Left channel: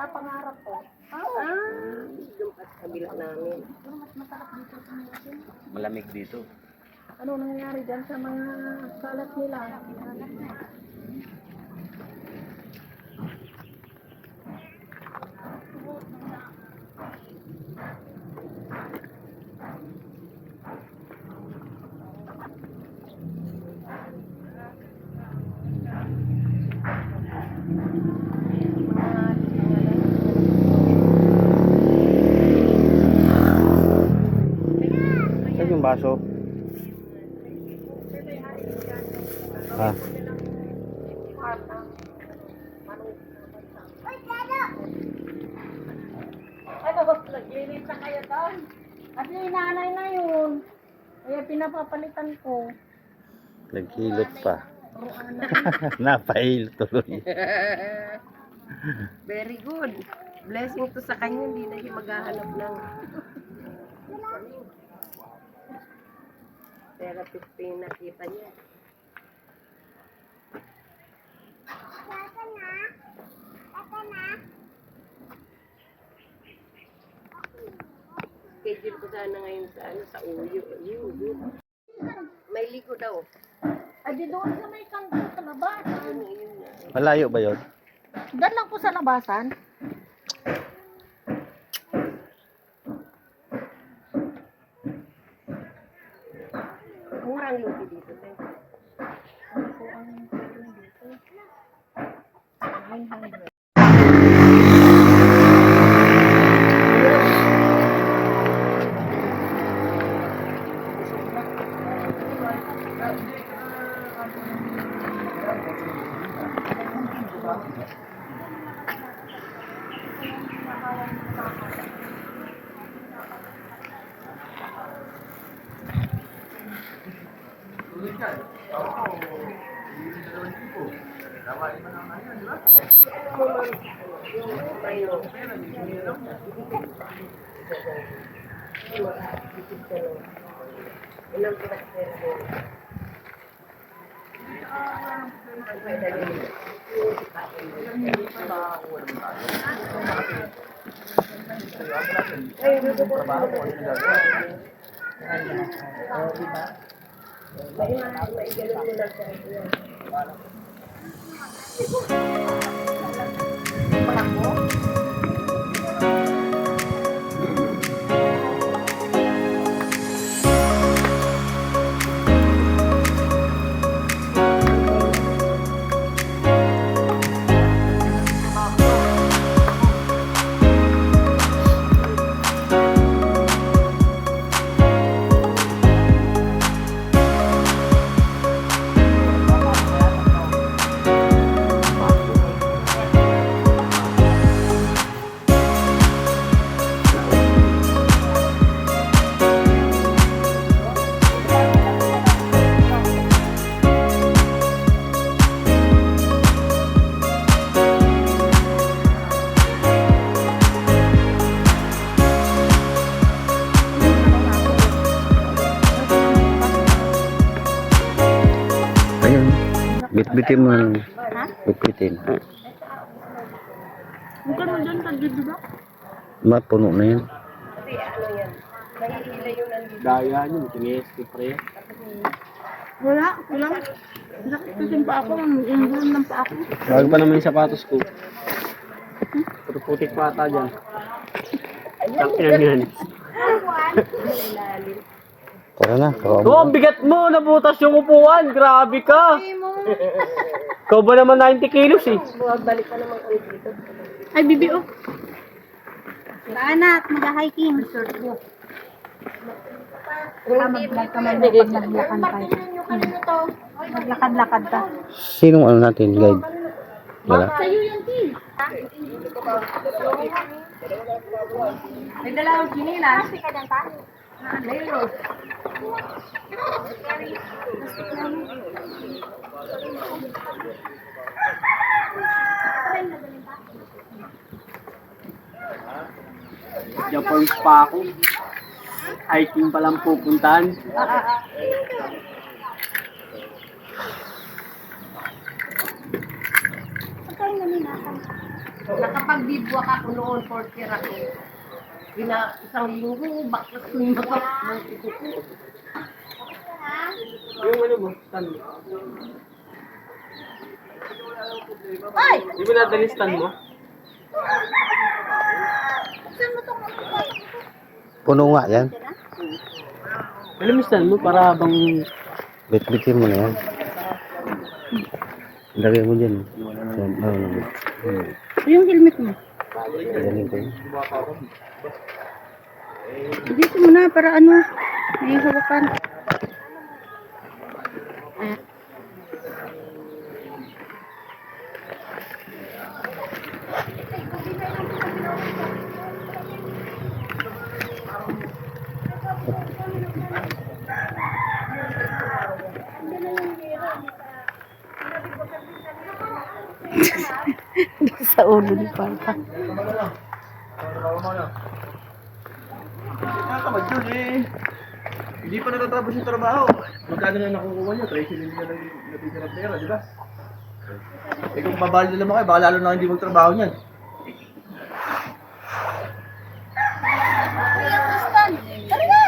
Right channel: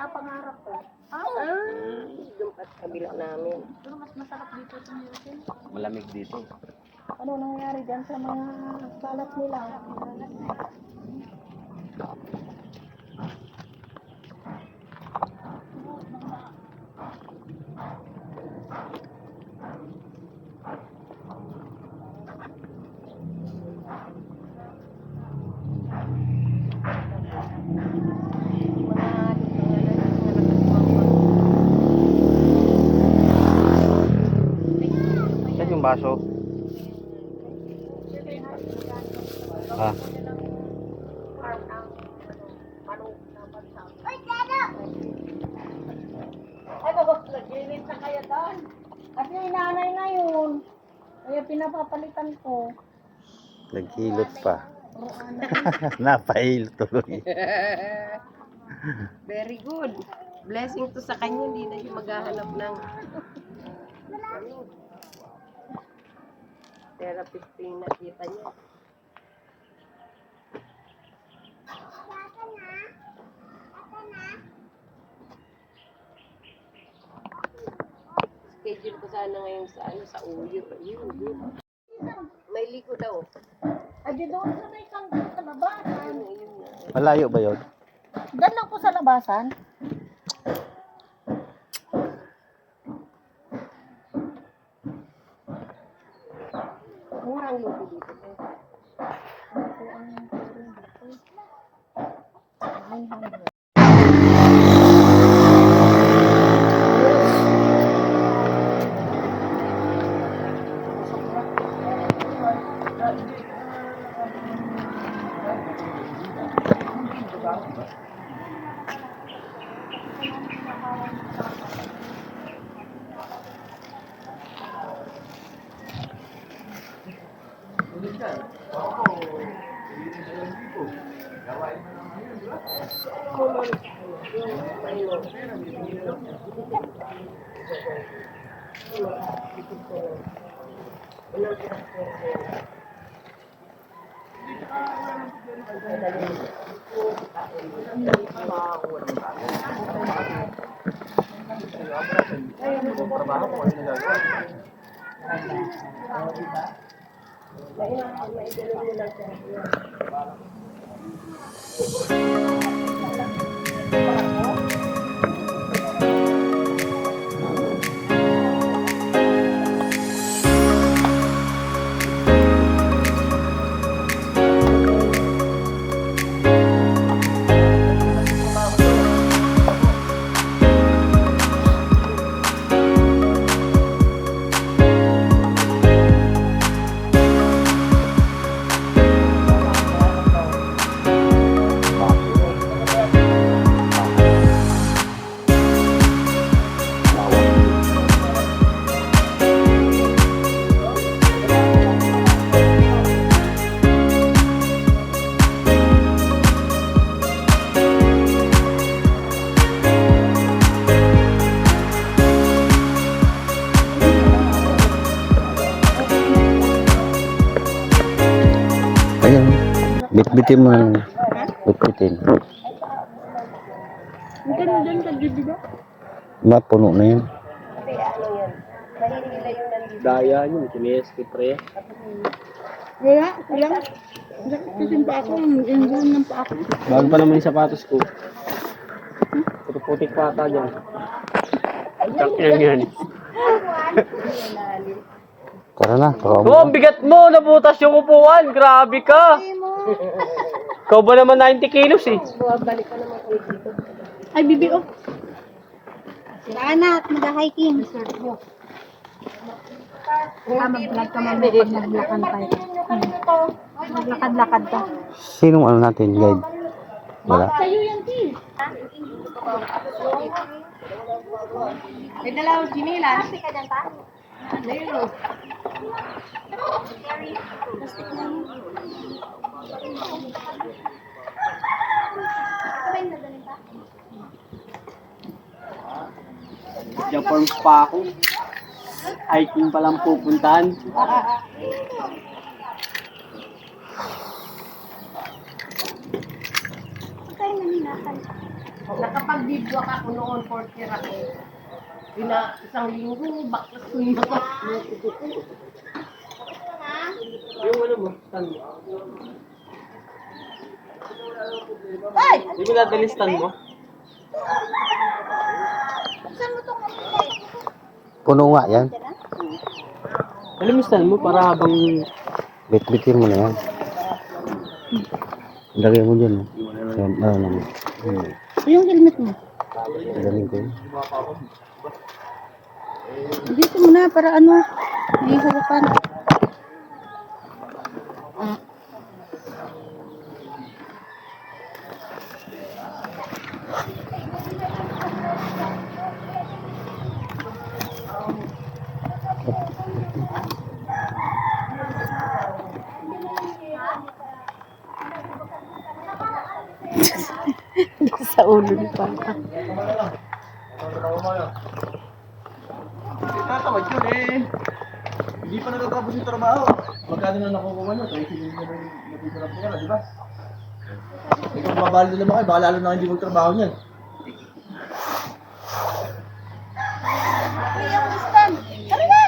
sa pangarap ko. Yung kabila namin. Pero mas masarap dito sa Milton. Malamig dito. Ano nangyayari dyan sa mga kalat nila? Saan yung baso? Ha? Ano, naglinis na kaya doon? Kasi yung nanay na yun. Kaya pinapapalitan ko. Naghilot pa. Napahilot tuloy. Very good. Blessing to sa kanya, hindi na yung maghahanap ng therapist pa yung nakita niya. Schedule ko sana ngayon sa sa uyo. May liko daw. Ay, di doon sa may kanto sa labasan. Yun na. Malayo ba yun? Doon lang po sa labasan. Murang lupi dito. Ayun. Bitbitin mo. Bitbitin. Ang gano'n dyan, di ba? Mapuno na yun. Kasi ano yan, mahihila yun ang dito. Daya yun. Kinesti pre. Wala, kulang. Sakit kasi pa ako, ingon ng pa ako. Bago pa naman yung sapatos ko. Puro putik pa ata dyan. Ayun yun. Tara na. Oh, ang bigat mo! Nabutas yung upuan! Grabe ka! Ikaw ba naman 90 kilos eh? Balik ka naman ulit dito. Ay, BBO. Anak, mag-hiking. Maglakad-lakad ka. Sinong ano natin, guide? Wala. Sa'yo yan, T. May dalawang sinilas. Kasi ka dyan, pa? Mayroon. Japorms pa ako. Hiking pa lang pupuntahan. Pagkain na ninasan. Nakapag-bidwak ako noon, 40 ako. Isang linggo, baklas ko yung mga Yung ano mo, stand mo. Ay! Di ba nadali stand mo? Buksan mo itong Puno nga yan. Alam mo stand mo para habang... Bit-bitin mo na yan. Lagay mo dyan. Yan, ano naman. yung helmet mo. Galing ko yun. Dito mo na para ano, may hawakan. Sa ulo ni Papa. Tatawad yun eh. Hindi pa natatapos yung trabaho. Magkano na nakukuha niya? 30 million na natitira ng pera, di ba? Eh kung babali na naman kayo, baka lalo na hindi magtrabaho niyan. Tara na!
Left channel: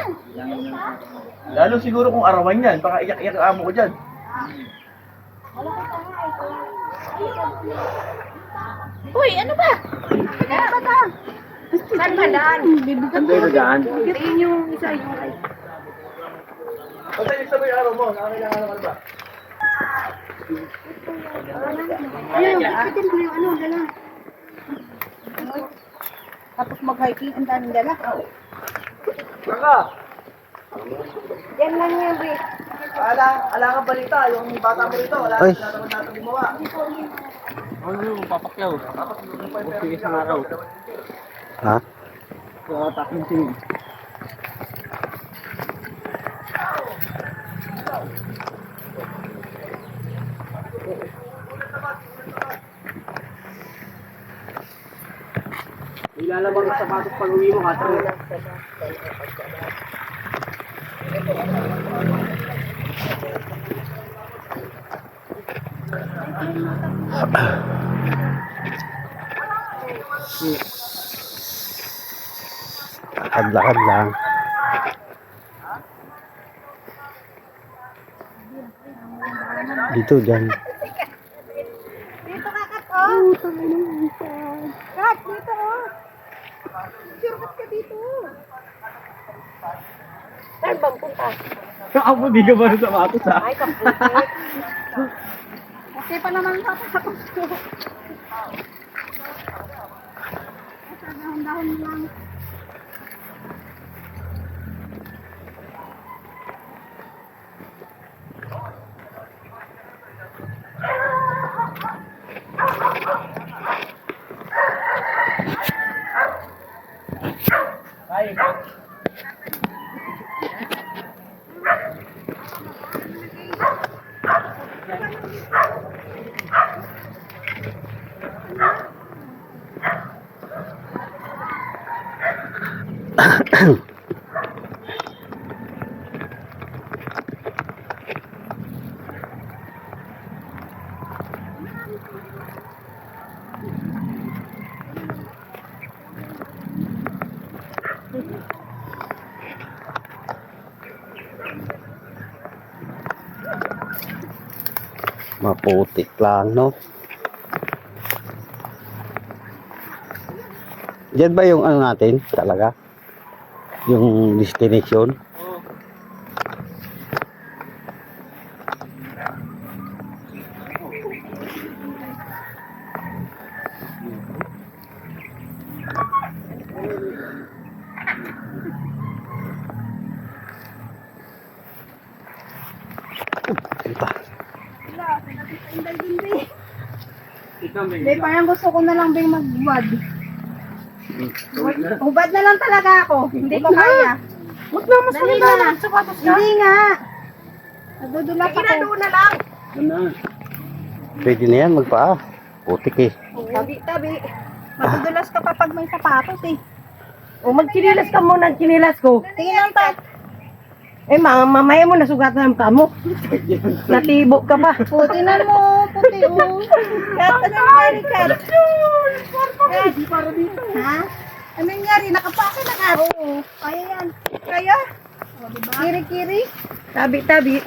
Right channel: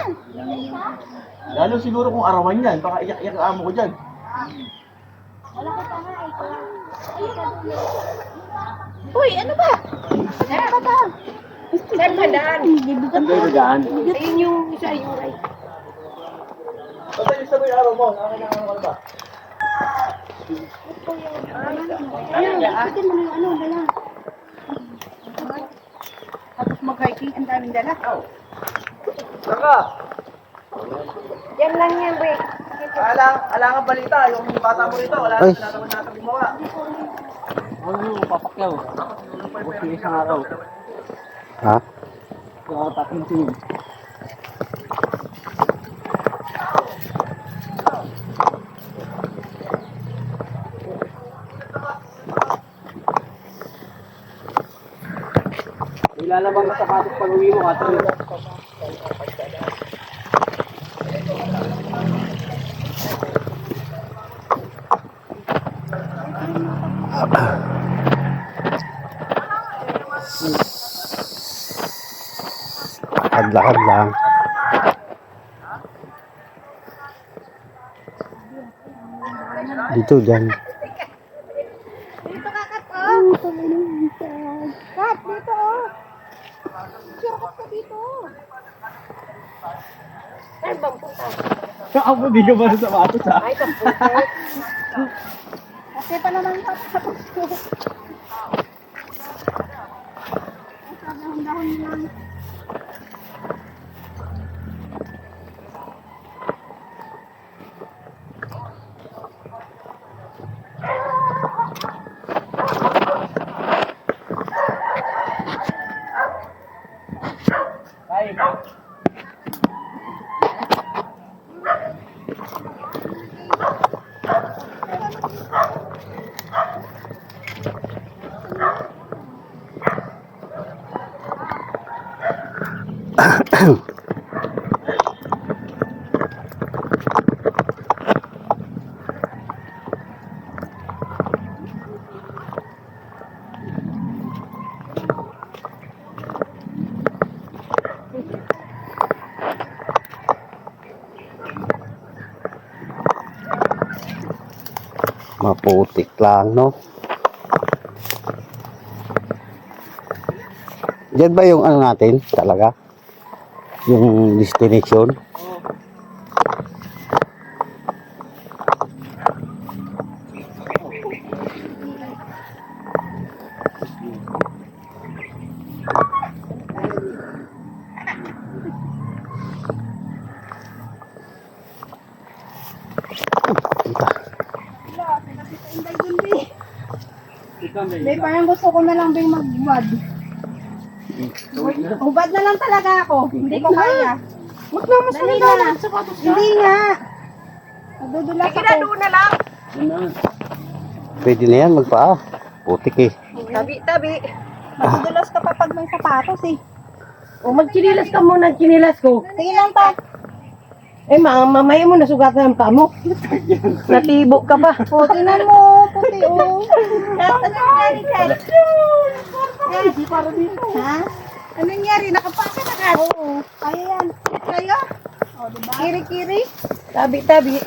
Lalo siguro kung arawan yan, baka iyak-iyak ang amo ko dyan. Uy, ano ba? Ano ba ta? Saan ba daan? Saan kayo daan? Ayun yung isa, yung right. Basta yung sabay araw mo, nakakailangan ka na ba? Ayun, bitin mo na yung ano, dala. Tapos mag-hiking, ang daming dala. Saka, Yan lang yan, Rick. ala ka balita, yung bata mo rito, wala Ay. naman natin gumawa. Ano, papakyaw. Buti isang araw. Ha? Kaya takin siya. Ilalabang sa sapatos pag uwi mo, Katrin. Lakad-lakad lang. Dito, dyan. Dito ka, Kat, oh. Kat, dito, oh. Sure, Kat ka dito. Saan bang punta? Ako, di ka ba sa sapatos, ha? Ay, kapulit. Kasi pa naman tapos ko. Dahon lang. Maputik lang, no? Diyan ba yung ano natin talaga? Yung destination? Hindi, parang gusto ko na lang bing magbubad. Ubad na lang talaga ako. Hindi ko kaya. Huwag na, mas Dali maganda na. na. Sapatos ka. Hindi nga. Nadudulas ako. Ginado na lang. Pwede na yan, magpaa. Putik eh. Tabi-tabi. Nadudulas ka pa pag may sapatos eh. O, magchinilas ka muna, chinilas ko. Tingin lang tayo. Eh, mamaya mo nasugatan ang paa mo. Natibo ka pa. O, tingnan mo. Puti oh. Hindi para dito. Ha? Ano nangyari? Nakapaka na ka? Oo. Kaya yan. Kaya? O, diba? Kiri-kiri. Tabi-tabi.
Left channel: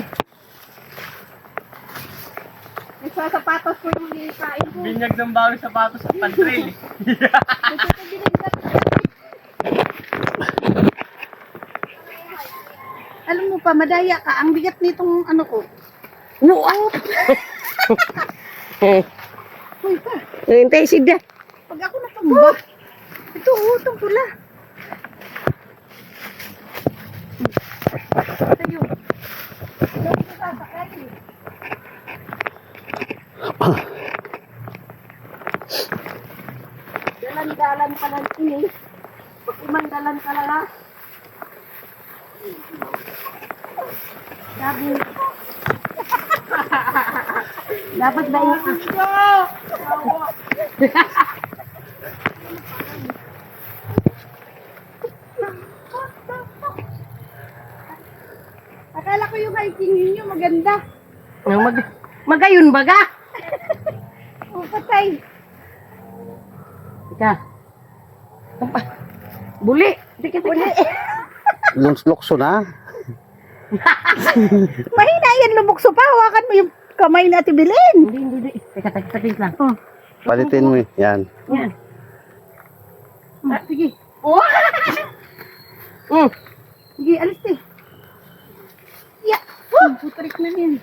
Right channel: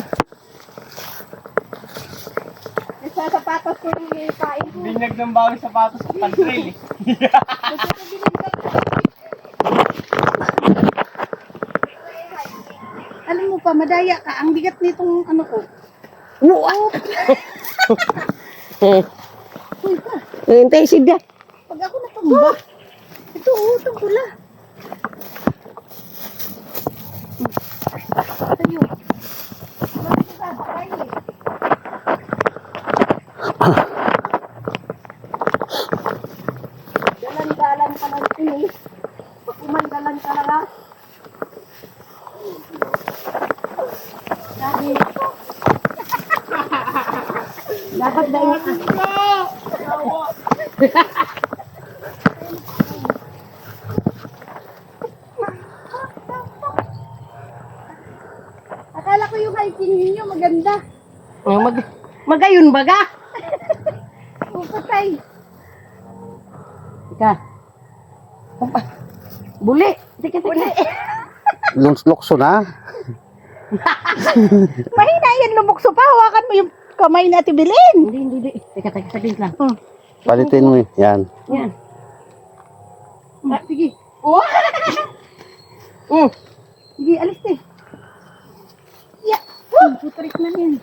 Sa sapatos ko yung ipain ko. Binyag ng bawi sapatos sa pantrail eh. Alam mo pa, madaya ka. Ang bigat nitong ano ko. Wow! Uy ka. Hintay siya. Pag ako natumba. Ito, itong pula. Tayo. Dalan-dalan ka lang ini. Kumandalan ka lang ha. Sabi. Dapat ba yung akala ko yung hiking ninyo maganda. Magayon baga. Patay. Ika. Buli. Sige, sige. Lukso na. Mahina yan, lumukso pa. Hawakan mo yung kamay na tibilin. Hindi. Teka, saglit lang. Palitin mo. Yan. Yan. Ah, sige. Oh! Sige, alis eh. Yeah. Putarik na yan.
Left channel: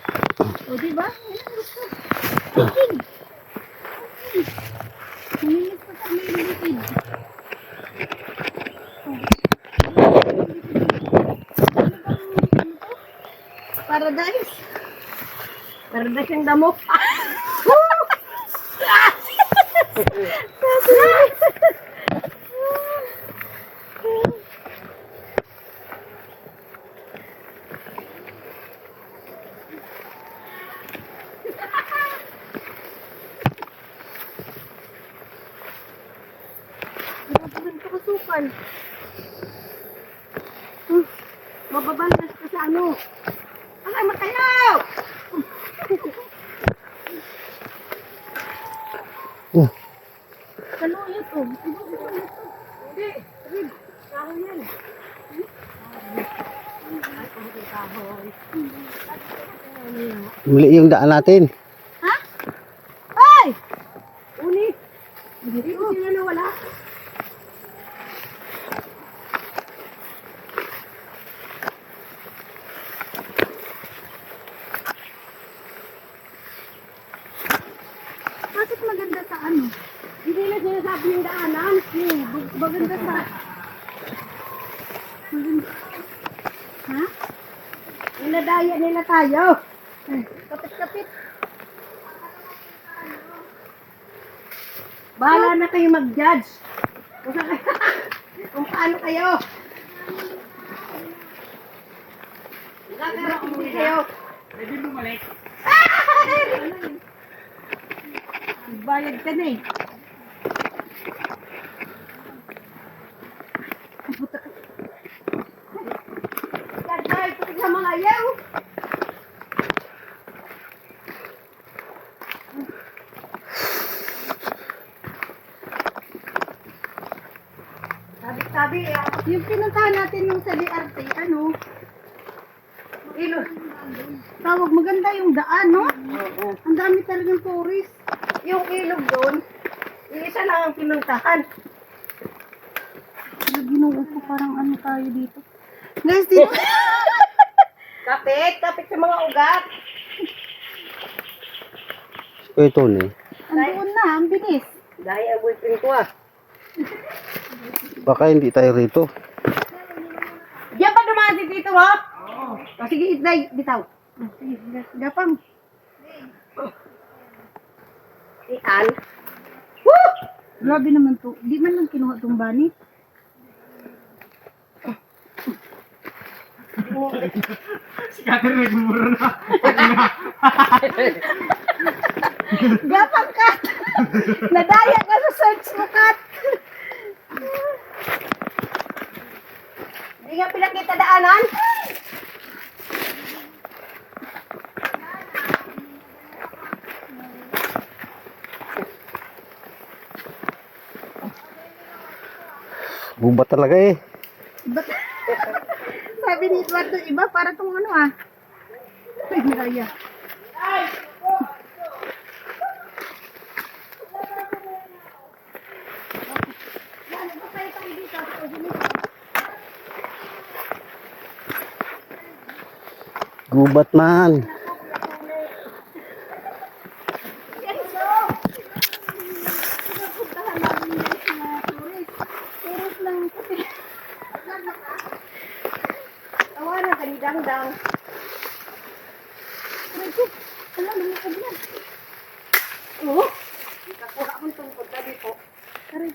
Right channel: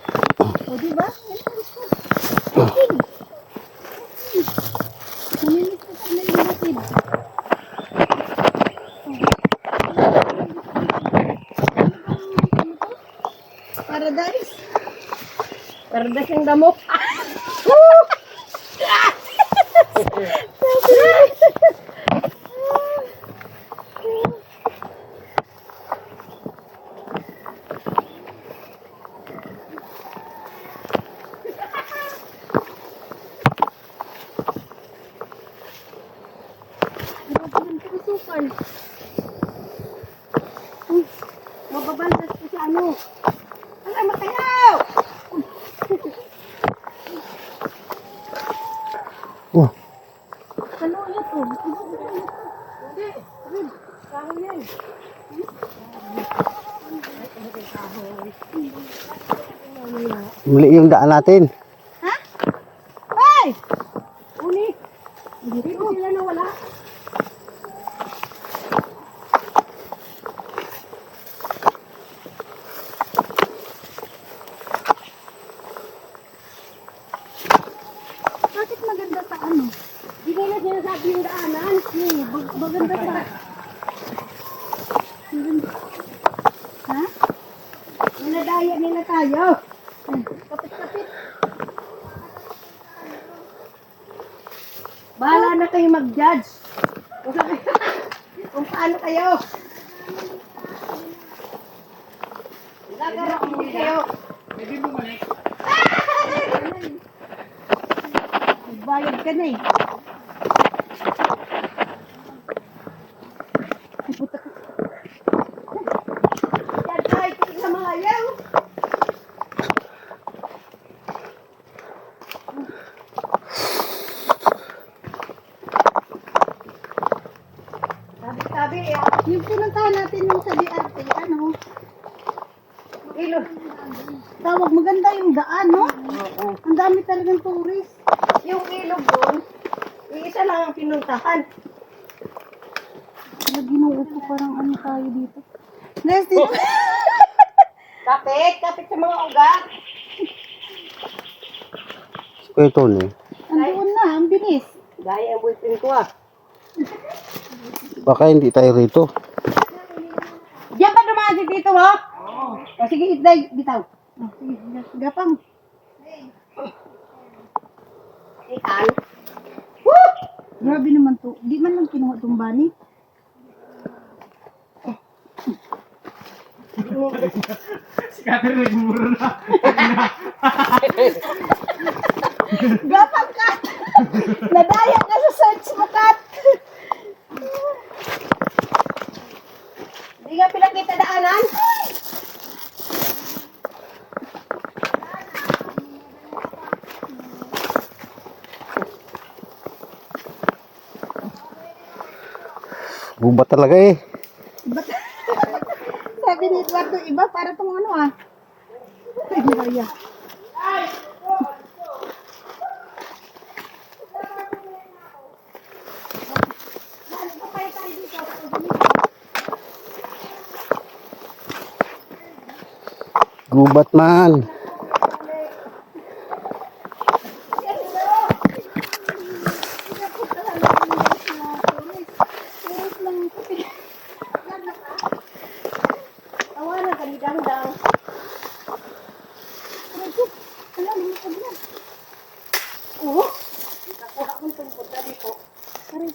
O, diba? Alis ka. Hiking. Naminis ko sa may lupid. Paradise. Paradise yung damo. Grabe ko kasukan. Mababaldas ka sa ano. Ay, matayaw! Oh. Kaluya to. Hindi. Rib. Kahoy yan. Mali yung daan natin. Ha? Ay! Uni. Dito sila nawala. Bakit maganda sa ano? Hindi nila sinasabi yung daanan. Maganda sa... Maganda. Ha? Ninadaya nila tayo. Kapit-kapit. Bahala na kayo mag-judge. Kung paano kayo. Gagaraon din kayo. Pwede bumalik. Bayad ka na eh. Yan tayo sa mga ayaw. Sabi, Yung pinuntahan natin yung sa DRT, ano? ilo. Tawag maganda yung daan, no? Ang dami talagang tourist. Yung ilog doon, isa lang ang pinuntahan. Ginoo ko parang ano tayo dito. Guys, dito. Kapit sa mga ugat. Kuya Tony, Andoon na, ang bilis. Dahil ang boyfriend ko ah. baka hindi tayo rito. Diyan pa dumaan si Tito mo? O sige, itday, bitaw. Sige, gapang. Ikan. Grabe naman to. Di man lang kinuha tong bani. Si Catherine nagmumuro na. Gapang kat! Nadaya ka sa search mo, kat! Hindi nga pinakita daanan. Gubat talaga eh. Ba't? Sabi ni Eduardo, iba para tong ano ah. Ay, Maria. Gubat man. Pinapuntahan namin guys mga tourist. Tourist lang. Tawanan ka ni Dangdang. Aray, wala, lumipad yan. Oo. Nakuha akong tungkod na dito. Aray,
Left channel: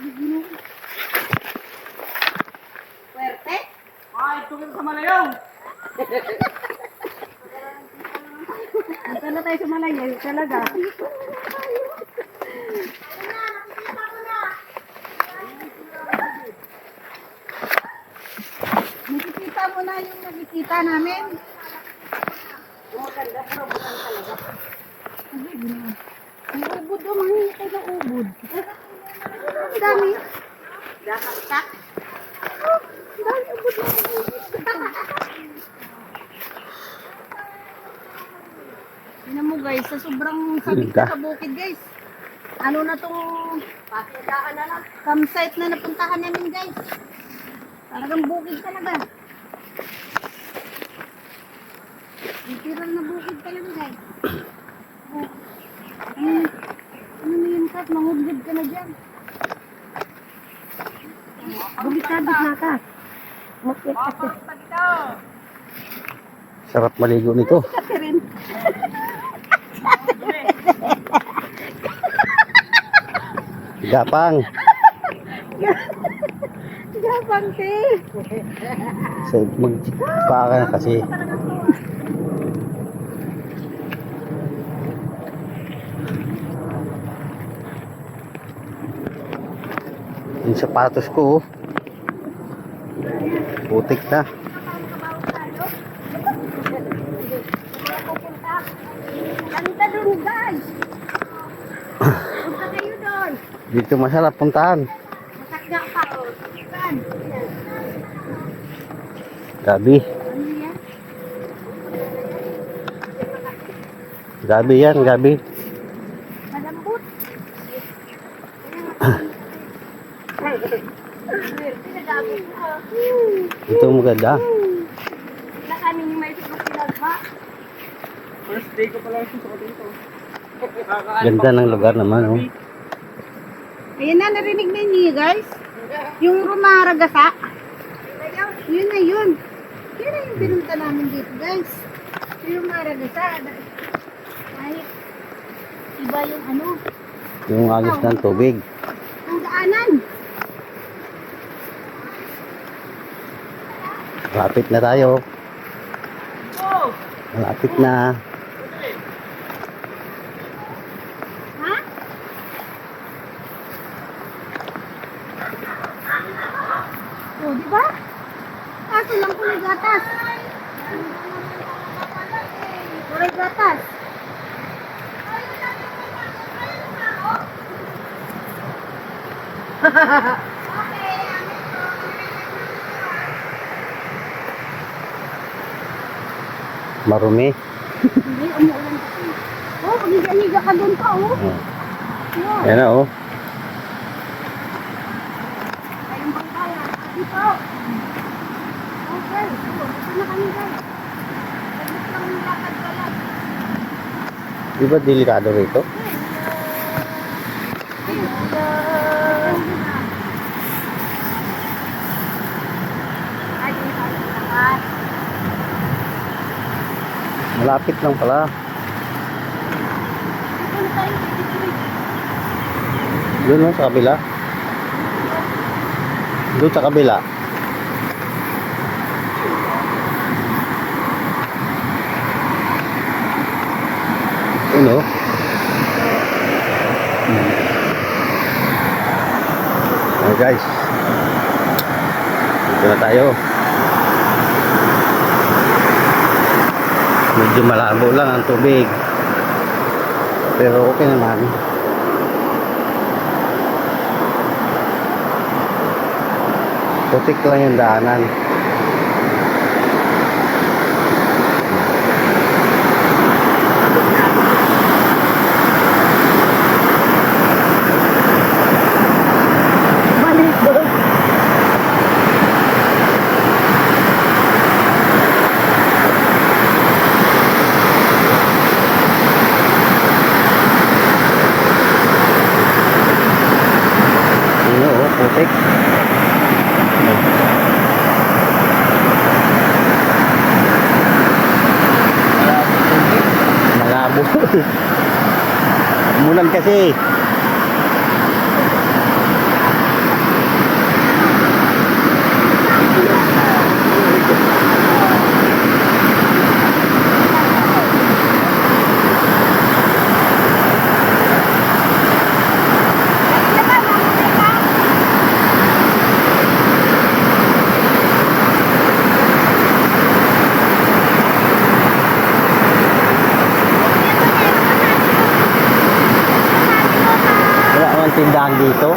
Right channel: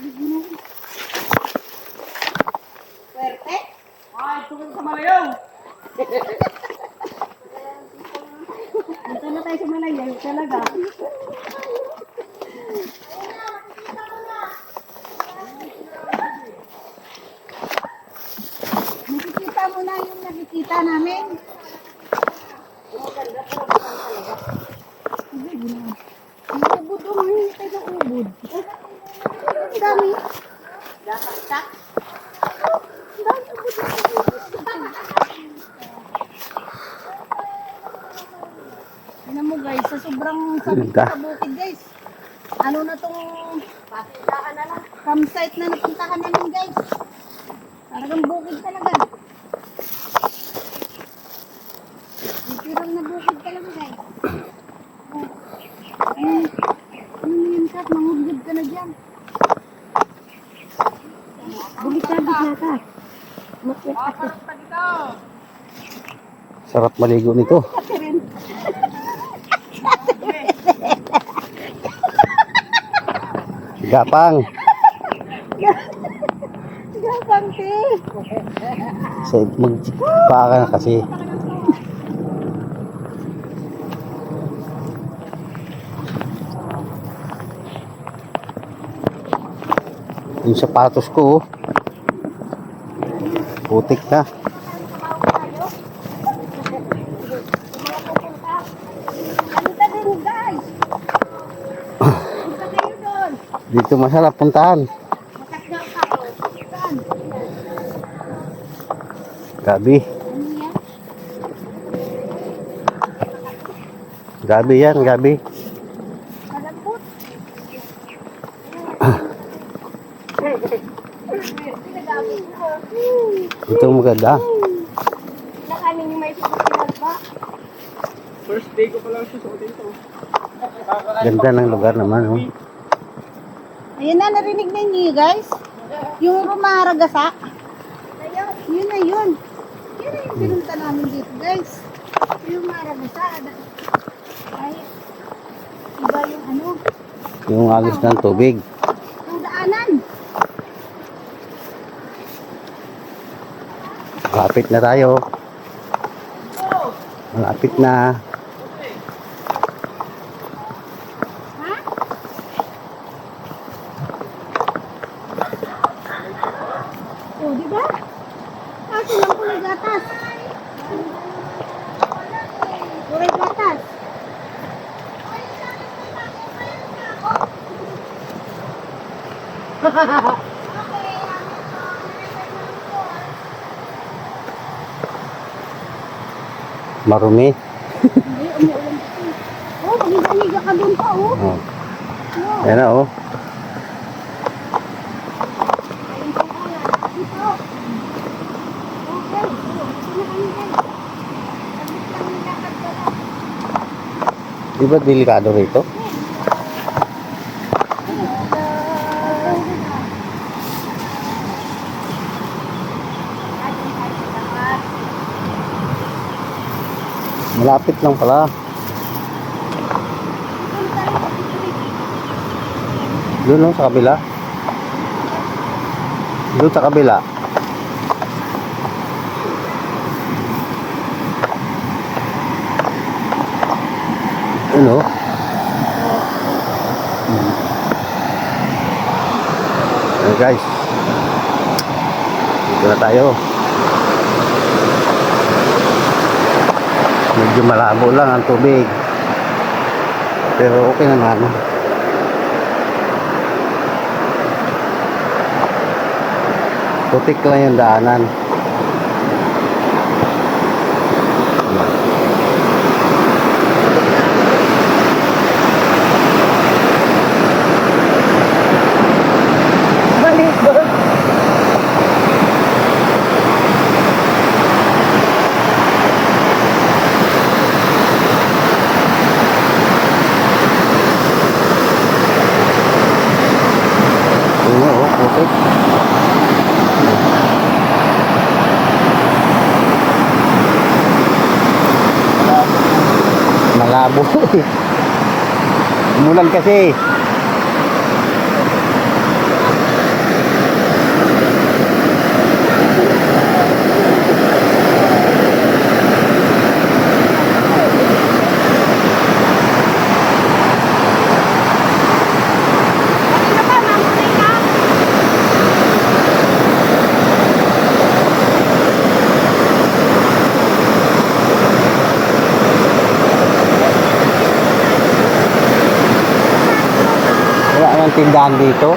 Ginoo. Swerte. Ay, tungkol sa Malayaw! Punta na tayo sa Malayaw talaga. Nakikita mo na yung nakikita namin. Maganda pero bukan talaga. Ay, Ginoo. Ang ubod, oh, mahingi tayo ng ubod. Ang dami. Dasak-sak. Ang dami ubod. Tingnan mo guys, sa sobrang sabit Ganda. sa bukid guys. Ano na tong Pasilahan na lang. campsite na napuntahan namin guys. Talagang bukid talaga. Literal na bukid talaga guys. Oh. Ano na yun Kat? Mangudgod ka na dyan. Bulikabit na ka. Makit kasi. Sarap maligo nito. Kasi rin. Gapang. Gapang te. Magpaka na kasi. Yung sapatos ko, oh. Putik na. Kanta dun guys. Punta kayo doon. Dito masarap puntahan. Masakga pa. Saan? Gabi. Ano yan? Gabi yan, gabi. Malambot. Pinagabit ko. Ito maganda. Sila kami yung may sigok pinagba. First day ko pa lang susuot dito. Ganda ng lugar naman, oh. Ayun na, narinig na niyo guys. Yung rumaragasa. Yun na yun. Yun na yung pinunta namin dito guys. Yung maragasa. Ay, iba yung ano, Yung agos ng tubig. ang daanan. Malapit na tayo. Malapit na. Ha? O, di ba? Kaso lang kulay gatas. Kulay gatas. Marumi. Hindi, umuulan kasi. Oh, pag-higa ka doon pa, oh. Oh. Oh. Ayan na, oh. Ayun pa pala. Dito. Oh, guys. Oh, ito na kami, guys. Saglit lang yung lakad pala. Di ba delikado rito? Malapit lang pala. Doon, oh, sa kabila. Doon sa kabila. Ano? Ayan guys. Dito na tayo. Medyo malabo lang ang tubig. Pero okay naman. Putik lang yung daanan. Malikot. Yun o, putik. Malabo. Umulan kasi. Wala namang tindahan dito.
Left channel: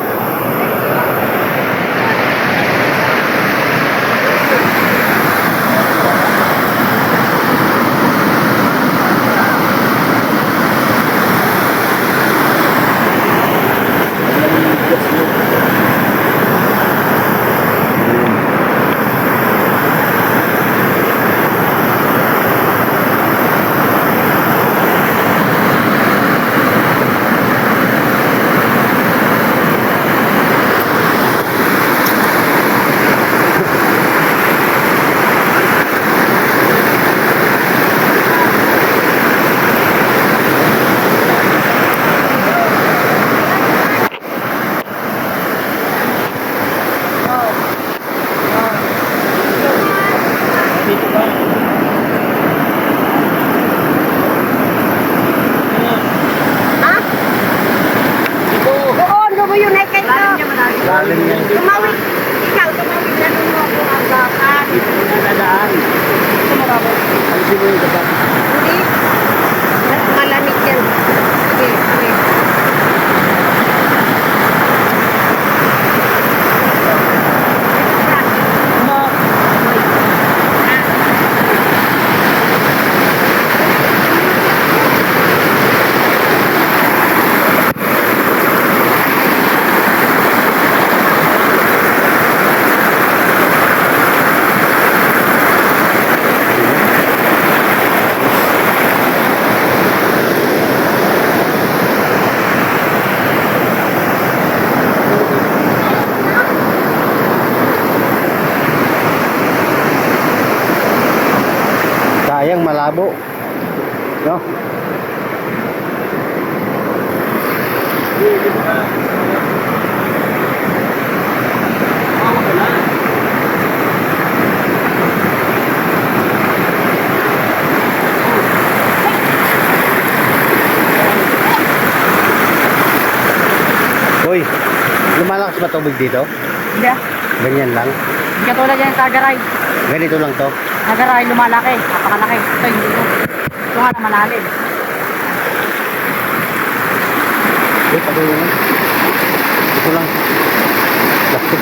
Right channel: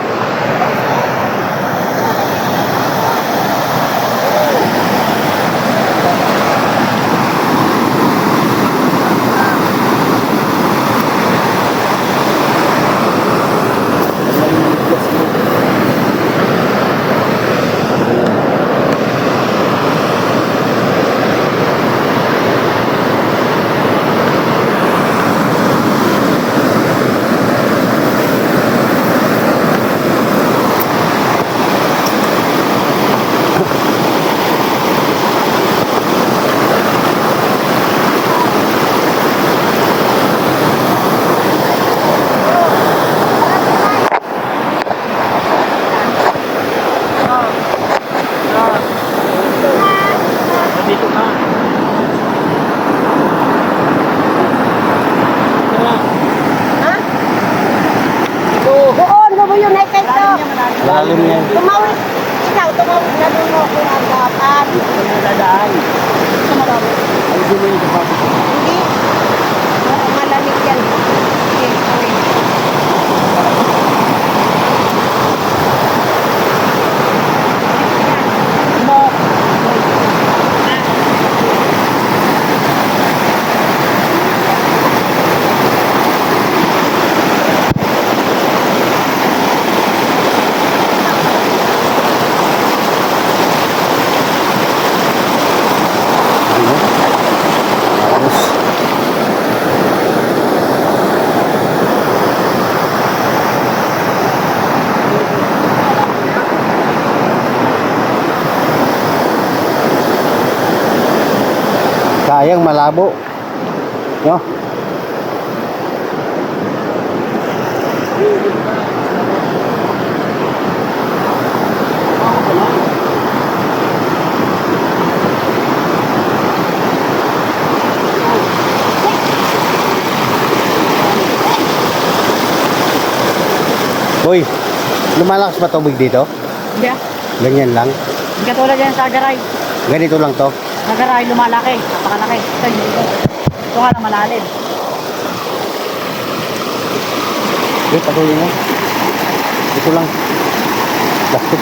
Dito ka. Ha? Dito. Doon, lumo yun ay kayo. Lalim na yun. Tumawid. Ikaw, tumawid na doon mo ako ang gapan. Dito na dadaan. Alisin mo yung sapatos. Hindi. Malamig yan. Okay, kami. Sayang malabo. No? Uy, lumalakas ba tubig dito? Hindi ah. Ganyan lang. Hindi katulad yan sa Agaray. Ganito lang to. Agaray lumalaki. Napakalaki. Ito hindi ito. Ito nga lang malalim. Eh, patuloy na. Ito lang. Plastic.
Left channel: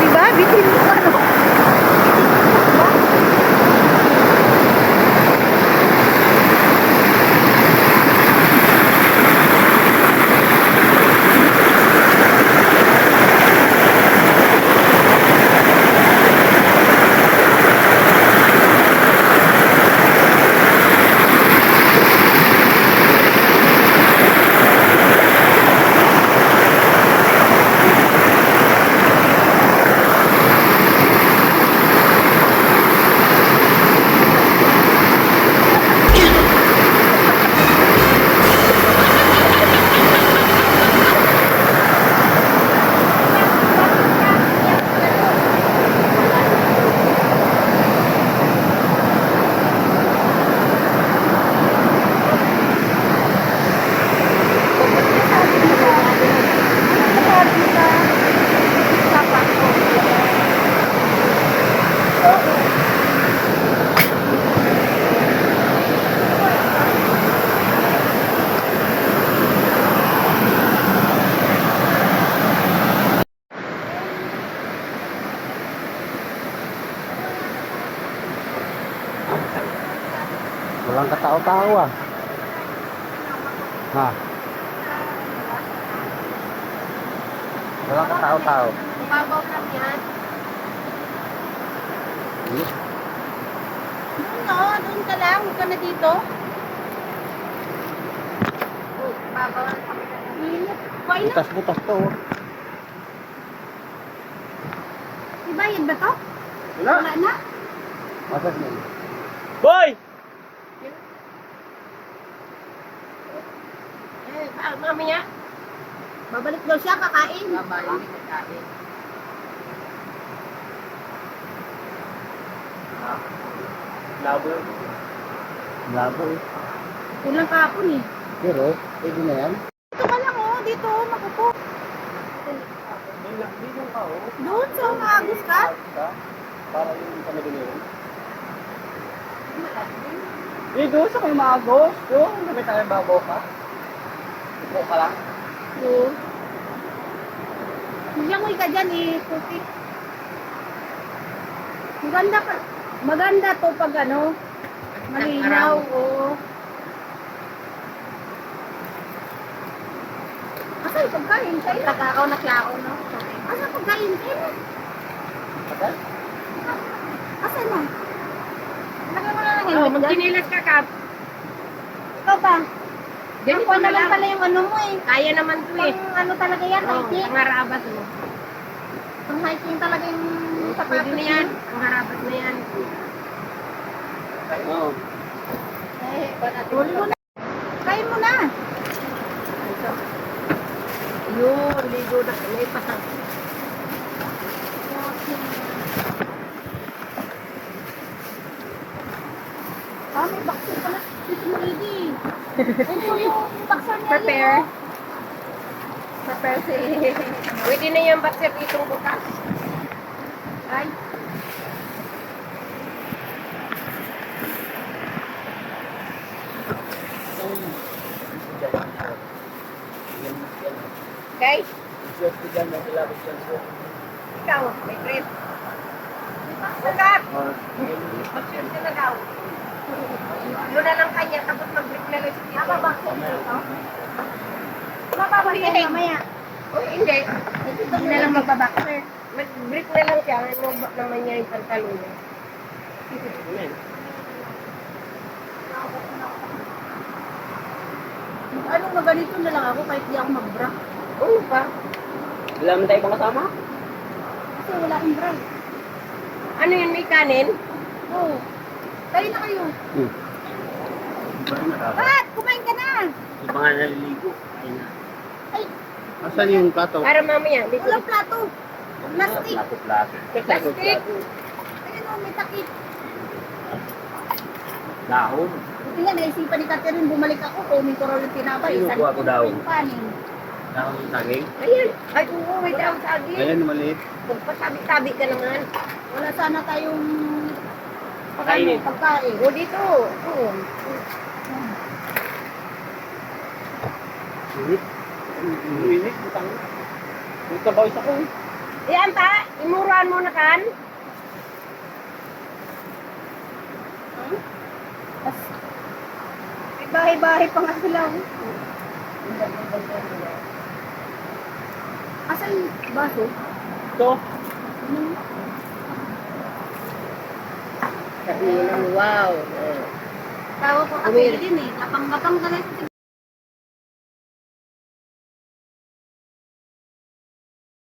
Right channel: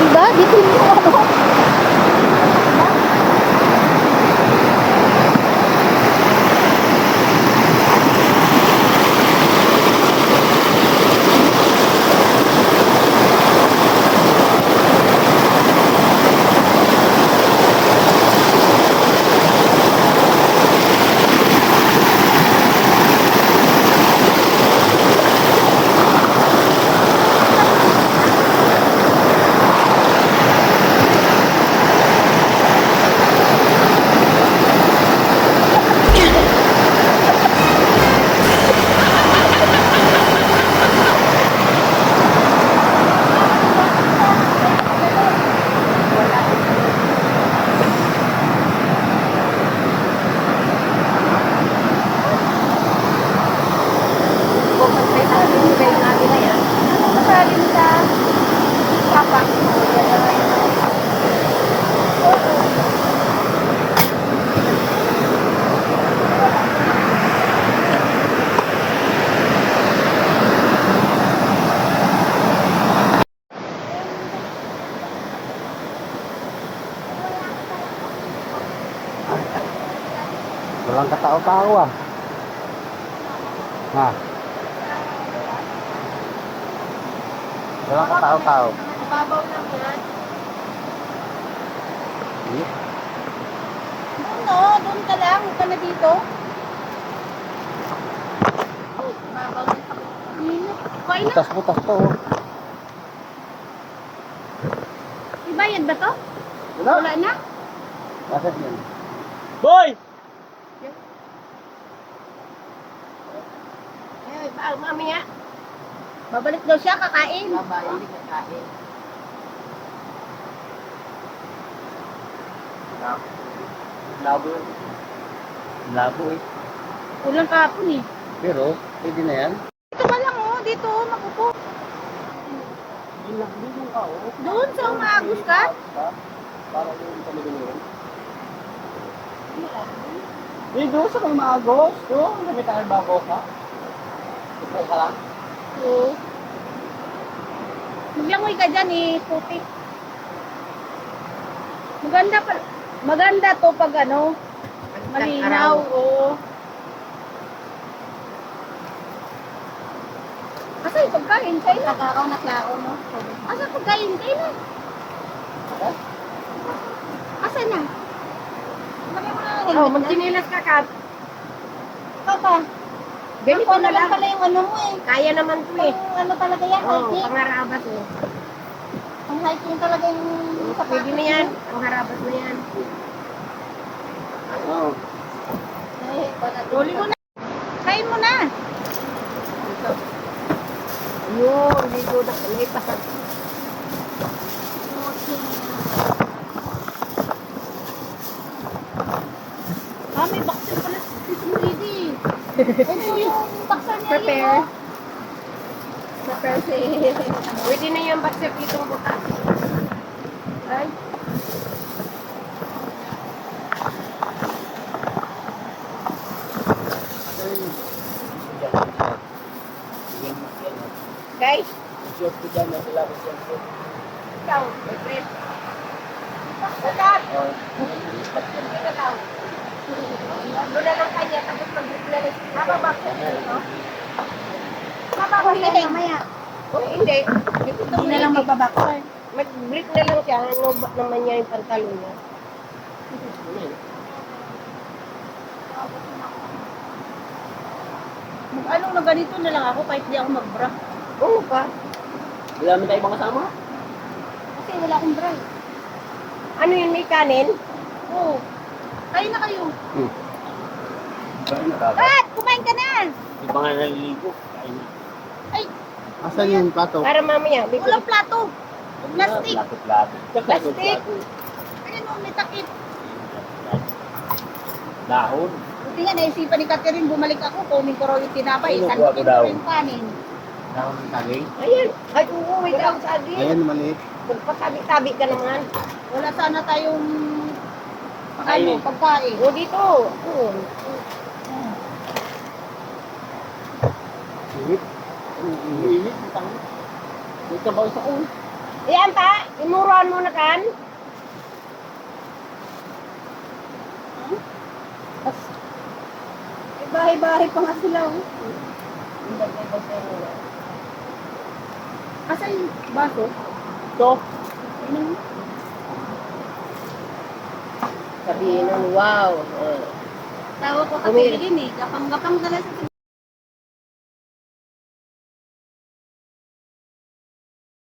Di ba? Bitin mo ano? Walang katao-tao ah. Ha? Walang katao-tao. Mababaw lang yan. Doon no, doon ka lang. Huwag ka na dito. Mababaw lang. Init. Kain na. Butas-butas to. Oh. Ibayad ba to? Wala. Wala na. Bakit yun? Boy! Mamaya. Babalik daw siya, kakain. Babae, hindi kakain. Labo. Labo eh. Kulang kahapon eh. Pero, pwede na yan. Dito ka lang oh, dito. Nakupo. Doon sa umagos ka? Parang hindi ka nagulong. Eh, doon sa may magos. Doon, may tayong bago ka. Ito ka lang. Oo. Langoy ka dyan eh, puti. Maganda pa. Maganda to pag ano, malinaw. Oo. Asa yung pagkain? Kain na. Nakakaw na klakaw, no? Asa pagkain? Kain na. Asa na? Oh, magkinilas ka, Kap. Ikaw ba? Ganito na lang. pala yung ano mo eh. Kaya naman to eh. Pang ano talaga yan, Oh, hiking. pangarabas oh. Pang hiking talaga yung Pwede na yan. Pangarabas na yan. Oo. Huli mo na. Kain mo na. Yun, ligo na. May pasang. Ah, may baksin pala. Ito mo, Edie. Ito yung baksan niya. Prepare. yun, Prepare si... Pwede na yung baksit itong butas. Ay. Guys, Short ko dyan, nasa labas dyan po. ikaw, may Chris. Ugat! Or, Baksit ko na daw. Doon na lang kanya, tapos mag-break na lang. Mababaksit ito. Mababaksin Hindi. mamaya. Oh, hindi. Ito na lang magbabaksin. Mag-break na lang siya. Ano ba naman niya yung pantalon niya? Ano na ganito na lang ako kahit di ako mag-bra. Oo pa. wala naman tayo ibang kasama. Kasi wala akong bra. Ano yun, may kanin? Oo. Kain na kayo. Pat, kumain ka na. Iba nga naliligo. Ayun na. Ay, Asan yung plato? Para mamaya, may walang plato. Plastic. Plato-plato. plastic. Ayun o, may takip. Dahon. Buti nga, naisipan ni Catherine, bumalik ako, kunin ko raw yung tinapay. Ay, Isang nakuha ko daw. yung kanin. Dahon ng saging. Ayan. Ay, oo, may daw saging. Ayan, maliit. Pagpatabi-tabi ka naman. Wala sana tayong Pakainin. pagkain. O, dito. Oo. Init. Uinit. Ito ba isa ko? Ayan ta, imuran mo na kan. May bahay-bahay pa nga sila. oh. Asa yung baso? Ito. Sabihin nun, wow. Tawag ko Umir. kasi din eh. Gapang-gapang talaga sa